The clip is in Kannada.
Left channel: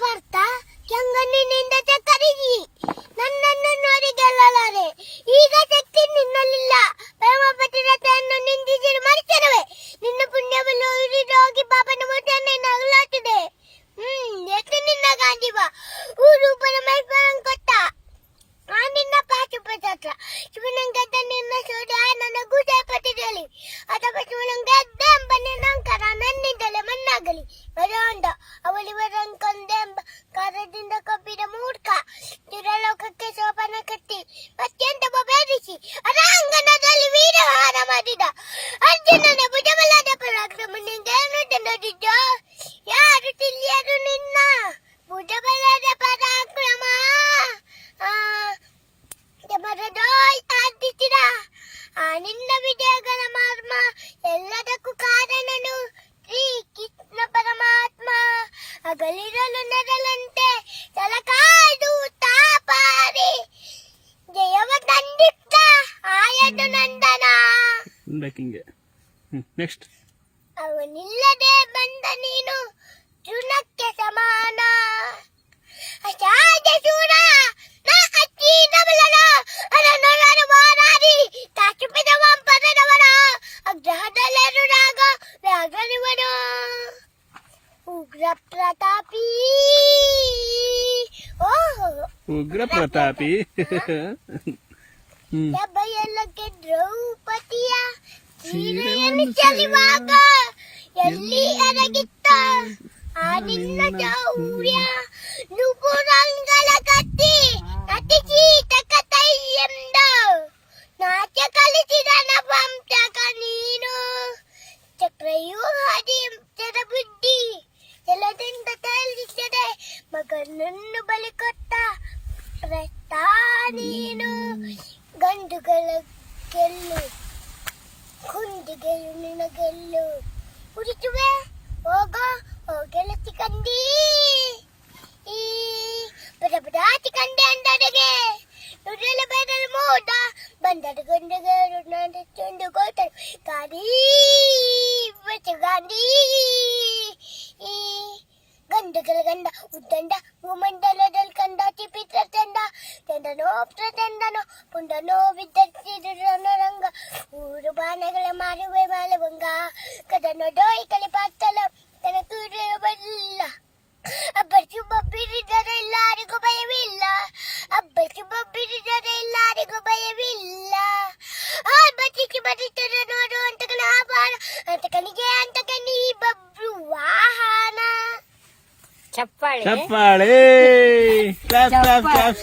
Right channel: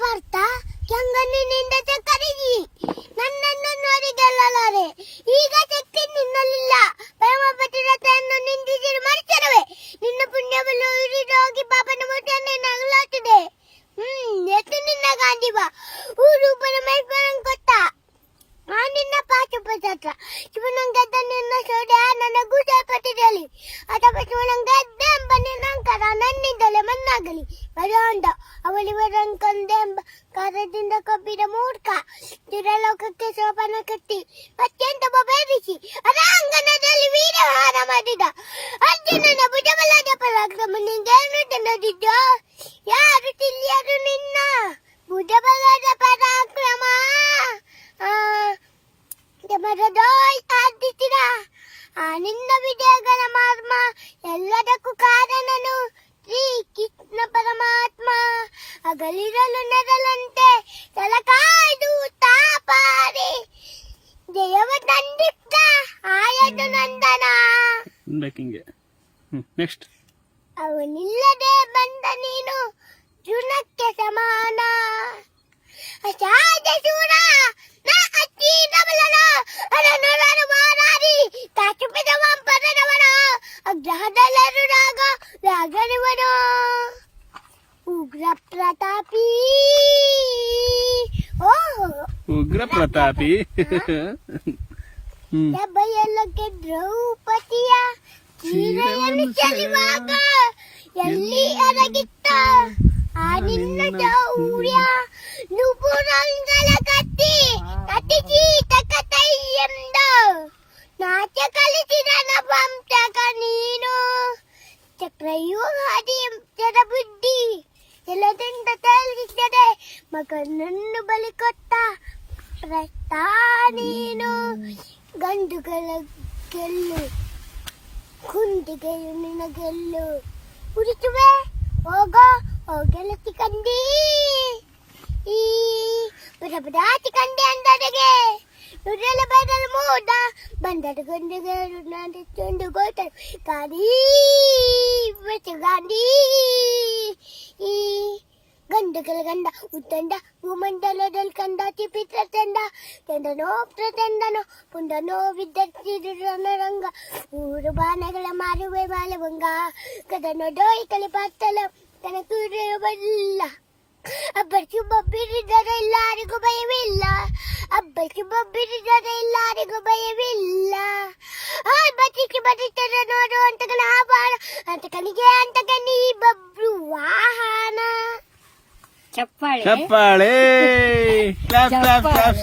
ಪಾರ್ಥ ಕೆಂಗಣ್ಣಿನಿಂದ ಕರಗಿ ನನ್ನನ್ನು ನೋಡಿ ಗೆಲ್ಲಲಾರೆ. ಈಗ ಶಕ್ತಿ ನಿನ್ನಲ್ಲಿಲ್ಲ. ಪ್ರೇಮ ಪತಿರತೆಯನ್ನು ನಿಂದಿಸಿರು ಮನುಷ್ಯರುವೆ. ನಿನ್ನ ಪುಣ್ಯವನ್ನು ಉರಿದೋಗಿ ಪಾಪನ ಮುಟ್ಟನ್ನು ನಗಲಾಟಿದೆ. ಎಷ್ಟು ನಿನ್ನ ಗಾಂಧಿವ ಊರು ಪರಮೇಶ್ವರನ್ ಕೊಟ್ಟ ಆ ನಿನ್ನ ಪಾಶುಪತ್ರ ಶಿವನಂಗದ್ದ ನಿನ್ನ ಸೋದ ನನಗೂ ಸೇಪಟ್ಟಿರಲಿ. ಅಥವಾ ಶಿವನಂಗದ್ದ ಎಂಬ ನಿನ್ನಂಕರ ನನ್ನಿಂದಲೇ ಮಣ್ಣಾಗಲಿ. ಬರೋಂಡ ಅವಳಿವರನ್ ಕೊಂದೆಂಬ ಕಾರದಿಂದ ಕೊಬ್ಬಿದ ಮೂರ್ಖ ಚಿರಲೋಕಕ್ಕೆ ಸೋಪಾನ ಕಟ್ಟಿ ಅತ್ಯಂತ ಬೇರಿಸಿ ಅರಾಂಗಣದಲ್ಲಿ ವೀರಹಾರ ಮಾಡಿದ ಅರ್ಜುನನ ಭುಜಬಲದ ಪರಾಕ್ರಮ ನಿಂಗೇನು ನೋಡಿದ್ಯೋ? ಯಾರು ತಿಳಿಯರು ನಿನ್ನ ಭುಜಬಲದ ಪರಾಕ್ರಮ? ಸಾಧಿಸಿದ ಆ ನಿನ್ನ ವಿಜಯಗಳ ಮರ್ಮ ಎಲ್ಲದಕ್ಕೂ ಕಾರಣನು ಶ್ರೀ ಕೃಷ್ಣ ಪರಮಾತ್ಮ. ಅಗಲಿರಲು ನೆರಳಂತೆ ತಲಕಾಯ್ದು ತಾಪಾರಿ ಜಯವ ತಂದಿದ್ದ ಆಯದು ನಂದನ. ನೆಕ್ಸ್ಟ್ ಅವನಿಲ್ಲದೆ ಬಂದ ನೀನು ಚುನಕ್ಕೆ ಸಮಾನ. ಅಸಾಧ್ಯ ಶೂರ ನಾ ಅಚ್ಚೀನಬಲನ ಅರನೊರರು ಮಾರಾರಿ ತಾಚುಪಿದವ ಪದದವನ ಅಗ್ರಹದಲ್ಲರು ರಾಗನಿವನು ಉಗ್ರ ಪ್ರತಾಪಿ. ಉಗ್ರ ಪ್ರತಾಪಿ ಸಭೆಯಲ್ಲಕ್ಕೆ ದ್ರೌಪದಿಯ ಸೀರೆಯನ್ನು ಚೆಲುವಾಗ ಎಲ್ಲಿ ಅರಗಿತ್ತ ಆ ನಿನ್ನ ಶೌರ್ಯ. ನುಪುರಂಗಳ ಕತ್ತಿ ಅತಿಥಿ ತಕತೈಯೆಂದ ನಾಚ ಕಲಿಸಿದ ನವಂಶಕ ನೀನು. ಚಕ್ರವ್ಯೂಹದಿ ಬುದ್ಧಿ ಎಲ್ಲದಿಂದ ತೇಲಿಸಿದೆ ಮಗನನ್ನು ಬಲಿ ಕೊಟ್ಟ ಪ್ರಸ್ತ ನೀನು. ಗಂಡುಗಳ ಗೆಲ್ಲು ಕುಂದಿಗೆಯು ನಿನ್ನ ಗೆಲ್ಲು ಉರಿಸುವೆ ಹೋಗೋ ಗೆಳತಿ ಕಂದಿ ಈ ಪದಪದಾತಿ ಕಂಡೆ ಅಂದಡೆಗೆ ನುಡಿಯಲು ಬದಲು ಮೂಡ ಬಂದರ ಗಂಡಿಗೆ ಚಂಡು ಗೋಟ ಗಾಡಿ ಗಾಂಧಿ ಈ ಗಂಡುಗಳ ಗಂಡ ಉತ್ತಂಡ ಭೂಮಂಡಲದಲ್ಲಿ ಕಂಡ ಚಿಪಿತ್ರ ತಂಡ ತಂಡನೋ ಪ್ರತಂಡನೋ ಪುಂಡನೋ ವಿದ್ಯುತ್ತಿರಂಗ ಊರು ಬಾಣಗಳ ಮಾರುವೆ ಮಾಲವಂಗ ಕದನೋ ಡೋಯಿ ಕಲಿ ಪಾತಲ ತನ ಕೂರಲು ಬಲ್ಲ. ಅಬ್ಬರಿಸಿ ಬಬ್ಬಿರಿದರೆ ಎಲ್ಲರಿಗೂ ಭಯವಿಲ್ಲ. ಅಬ್ಬರಿಸಿ ಬಬ್ಬಿರಿದರೆ ಎಲ್ಲರಿಗೂ ಭಯವಿಲ್ಲ. ಬಚ್ಚಿಸಿ ಬರುತ್ತಾರೆ ನೋಡು ಅಂತಕನ ಆಭಾರ ಅಂತಕನಿಗೆ ಅಂತಕನಿ ಬಬ್ರು ವಾಹನ. ಚಪ್ಪಾಳೆ ಕ್ಲಾಸ್ ಕ್ಲಾಸ್ ಕ್ಲಾಸ್.